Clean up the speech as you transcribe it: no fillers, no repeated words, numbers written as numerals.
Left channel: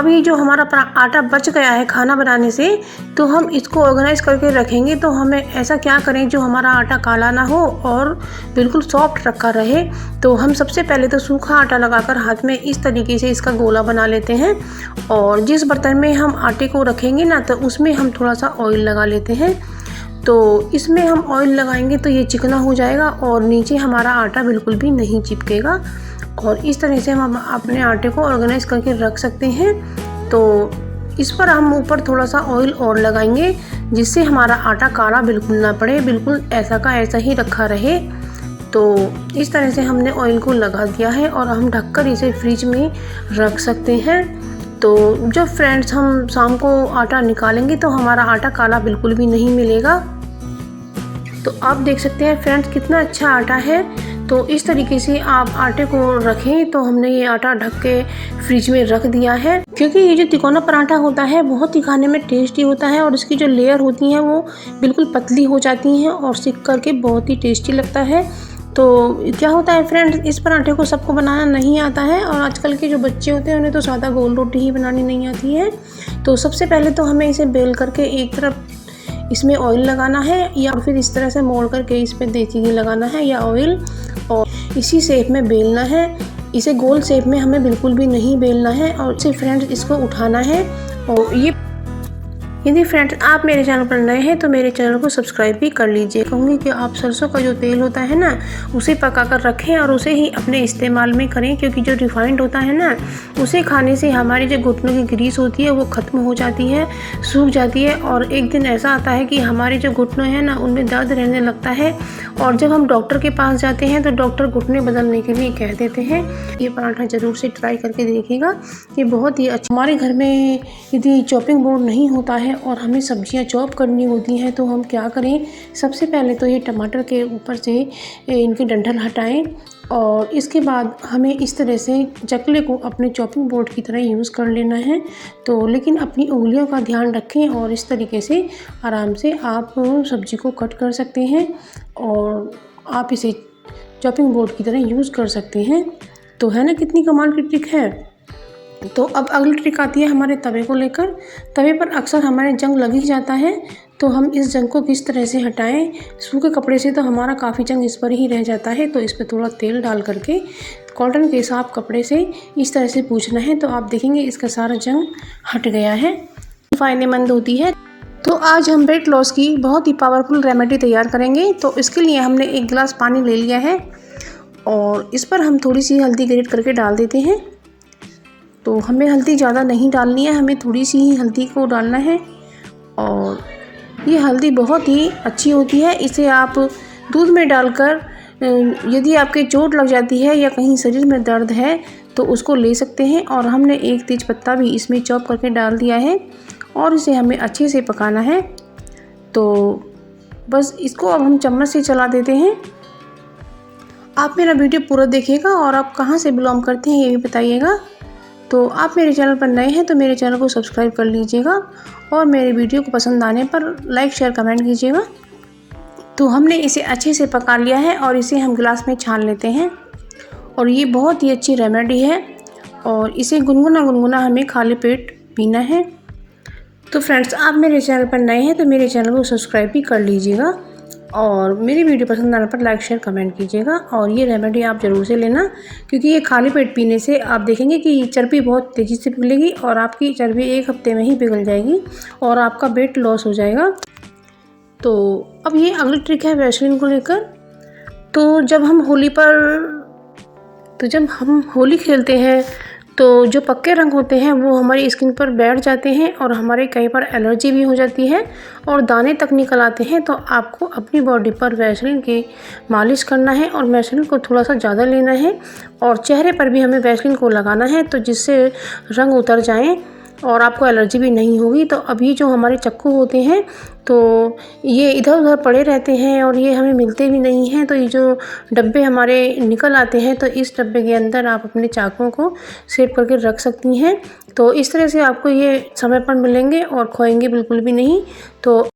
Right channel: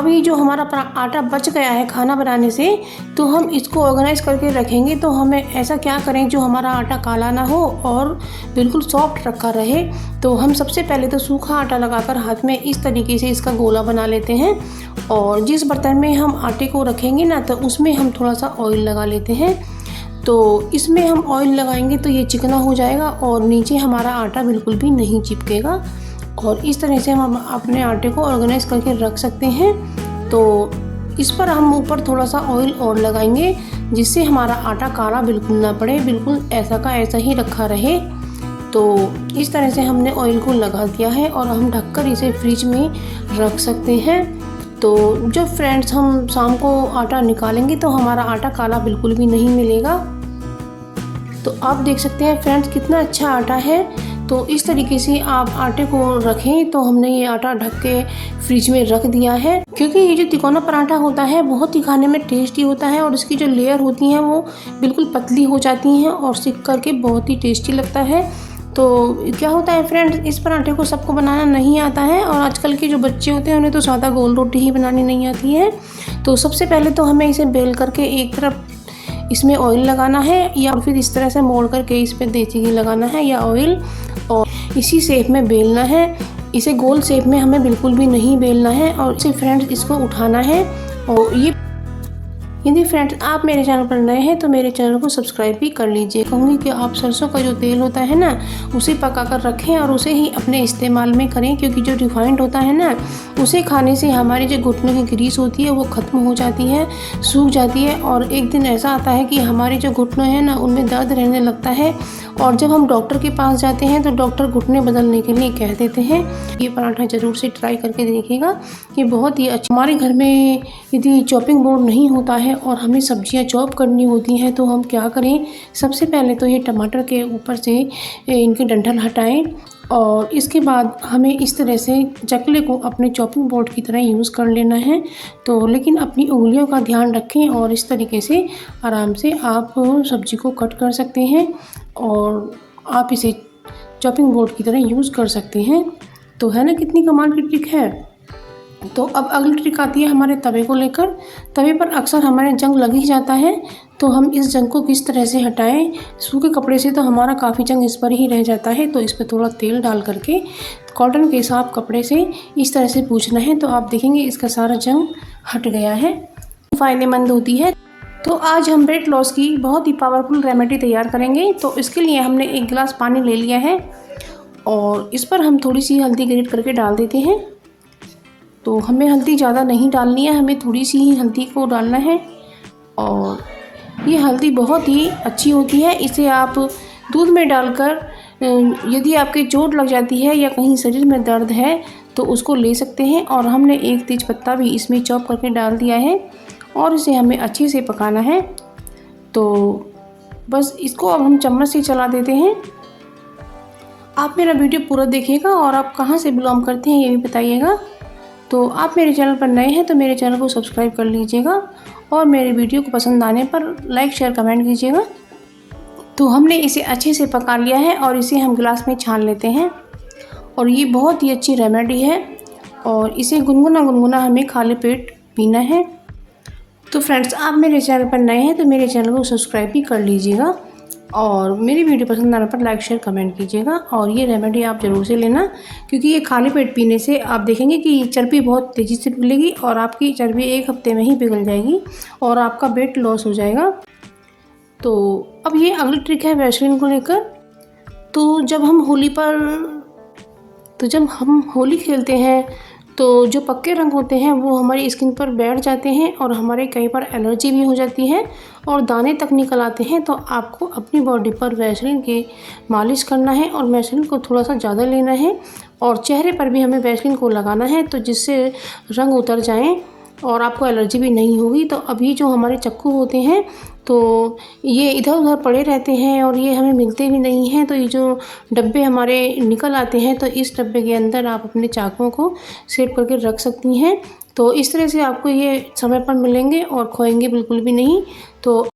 अब ये जो हमारा आटा बच गया है खाना बनाने से, तो हम इसको ऑर्गेनाइज करके रखेंगे। तो हमें ऐसा क्या करें जो हमारा आटा काला ना हो और बिल्कुल सॉफ्ट रखा रहे। तो हम सबसे पहले तो सूखा आटा लगाकर हाथ में इस तरीके से इसका गोला बना लेते हैं, और जिस बर्तन में हम आटे को रखेंगे ना, तो उसमें हम थोड़ा सा ऑयल लगा लेते हैं। तो इसमें हम ऑयल लगाएंगे तो ये चिकना हो जाएगा और नीचे हमारा आटा बिल्कुल भी नहीं चिपकेगा। और इस तरह से हम अपने आटे को ऑर्गेनाइज करके रख सकते हैं। तो इस पर हम ऊपर थोड़ा सा ऑयल और लगाएंगे, जिससे हमारा आटा काला बिल्कुल ना पड़े, बिल्कुल ऐसा का ऐसा ही रखा रहे। तो इस तरह से हमने ऑयल को लगा दिया है और हम ढककर इसे फ्रिज में रख सकते हैं। तो जब फ्रेंड्स हम शाम को आटा निकालेंगे तो हमारा आटा काला बिल्कुल भी नहीं मिलेगा। तो आप देख सकते हैं फ्रेंड्स कितना अच्छा आटा है। तो इस तरीके से आप आटे को रखें। तो हमने ये आटा ढक के फ्रिज में रख दिया है, क्योंकि ये जो तिकोना पराठा होता है बहुत ही खाने में टेस्टी होता है और इसकी जो लेयर होती हैं वो बिल्कुल पतली हो जाती हैं और सिक करके बहुत ही टेस्टी लगता है। तो क्या होता है फ्रेंड्स, इस पराठे को सबको बनाना नहीं आता है, और आजकल के जो बच्चे होते हैं उन्हें तो सादा गोल रोटी ही बनानी नहीं आती है। तो सबसे पहले तो हमें इसे बेल करके एक तरफ इसमें ऑयल लगाना है, या फिर इस तरह से मोड़ करके इस पर देसी घी लगाना है या ऑयल, और इसी शेप में बेलना है। इसे गोल शेप में हमें बिल्कुल भी नहीं बेलना है। और इसे फ्रेंड्स इसको उठाना है। और ये यदि फ्रेंड्स आप मेरे चैनल पर नए हैं तो मेरे चैनल को सब्सक्राइब भी कर लीजिए। कहूँगी कि आप सरसों का जो तेल होता है ना, उसे पका कर रखें और उसे ही अपने इस्तेमाल में करें, क्योंकि जो रिफाइंड होता है ना, उसे खाने से हमारी जो घुटनों की ग्रीस होती है वो ख़त्म हो जाती है, सूख जाती है। और एक दिन ऐसा आता है कि हमारे जो घुटनों हैं ना, उनमें दर्द रहने लगता है, और जब हम डॉक्टर के पास जाते हैं तो डॉक्टर घुटने बदलने के लिए कह देते हैं। ये पराठा ज़रूर से ट्राई करके देखिएगा, ये बहुत ही अच्छा। हमारे घर में यदि चॉपिंग बोर्ड नहीं होता है और हमें सब्जियां चॉप करनी होती हैं तो हम क्या करें, सबसे पहले तो ये टमाटर के ऊपर से इनके डंठल हटाएं, और इसके बाद हमें इस तरह से चकले को अपने चॉपिंग बोर्ड की तरह यूज़ कर लेना है। तो लेकिन अपनी उंगलियों का ध्यान रखें, और इस तरीके से आराम से आप सब्जी को कट कर सकते हैं और आप इसे चॉपिंग बोर्ड की तरह यूज़ कर सकते हैं। तो है ना कितनी कमाल की ट्रिक है। तो अब अगली ट्रिक आती है हमारे तवे को लेकर। तवे पर अक्सर हमारे जंग लग ही जाता है, तो हम इस जंग को किस तरह से हटाएं। सूखे कपड़े से तो हमारा काफ़ी जंग इस पर ही रह जाता है, तो इस पर थोड़ा तेल डाल करके कॉटन के साफ कपड़े से इस तरह से पोंछना है। तो आप देखेंगे इसका सारा जंग हट गया है, फ़ायदेमंद होती है। तो आज हम वेट लॉस की बहुत ही पावरफुल रेमेडी तैयार करेंगे। तो इसके लिए हमने 1 गिलास पानी ले लिया है, और इस पर हम थोड़ी सी हल्दी ग्रेट करके डाल देते हैं। तो हमें हल्दी ज़्यादा नहीं डालनी है, हमें थोड़ी सी ही हल्दी को डालना है। और ये हल्दी बहुत ही अच्छी होती है, इसे आप दूध में डालकर यदि आपके चोट लग जाती है या कहीं शरीर में दर्द है तो उसको ले सकते हैं। और हमने 1 तेज पत्ता भी इसमें चॉप करके डाल दिया है, और इसे हमें अच्छे से पकाना है। तो बस इसको अब हम चम्मच से चला देते हैं। आप मेरा वीडियो पूरा देखिएगा, और आप कहाँ से बिलोंग करते हैं ये भी बताइएगा। तो आप मेरे चैनल पर नए हैं तो मेरे चैनल को सब्सक्राइब कर लीजिएगा, और मेरे वीडियो को पसंद आने पर लाइक शेयर कमेंट कीजिएगा। तो हमने इसे अच्छे से पका लिया है, और इसे हम गिलास में छान लेते हैं। और ये बहुत ही अच्छी रेमेडी है, और इसे गुनगुना गुनगुना हमें खाली पेट पीना है। तो फ्रेंड्स आप मेरे चैनल पर नए हैं तो मेरे चैनल को सब्सक्राइब भी कर लीजिएगा, और मेरी वीडियो पसंद आने पर लाइक शेयर कमेंट कीजिएगा। और ये रेमेडी आप ज़रूर से लेना, क्योंकि ये खाली पेट पीने से आप देखेंगे कि चर्बी बहुत तेज़ी से पिघलेगी, और आपकी चर्बी 1 हफ्ते में ही पिघल जाएगी, और आपका वेट लॉस हो जाएगा। तो अब ये अगली ट्रिक है वैसलीन को लेकर। तो जब हम होली खेलते हैं तो जो पक्के रंग होते हैं वो हमारी स्किन पर बैठ जाते हैं, और हमारे कई बार एलर्जी भी हो जाती है और दाने तक निकल आते हैं। तो आपको अपनी बॉडी पर वैसलीन की मालिश करना है, और वैसलीन को थोड़ा सा ज़्यादा लेना है, और चेहरे पर भी हमें वैसलीन को लगाना है, तो जिससे रंग उतर जाएं और आपको एलर्जी भी नहीं होगी। तो अभी जो हमारे चाकू होते हैं तो ये इधर उधर पड़े रहते हैं और ये हमें मिलते भी नहीं हैं। तो ये जो डब्बे हमारे निकल आते हैं, तो इस डब्बे के अंदर आप अपने चाकुओं को सेट करके रख सकती हैं। तो इस तरह से आपको ये समय पर मिलेंगे और खोएंगे बिल्कुल भी नहीं। तो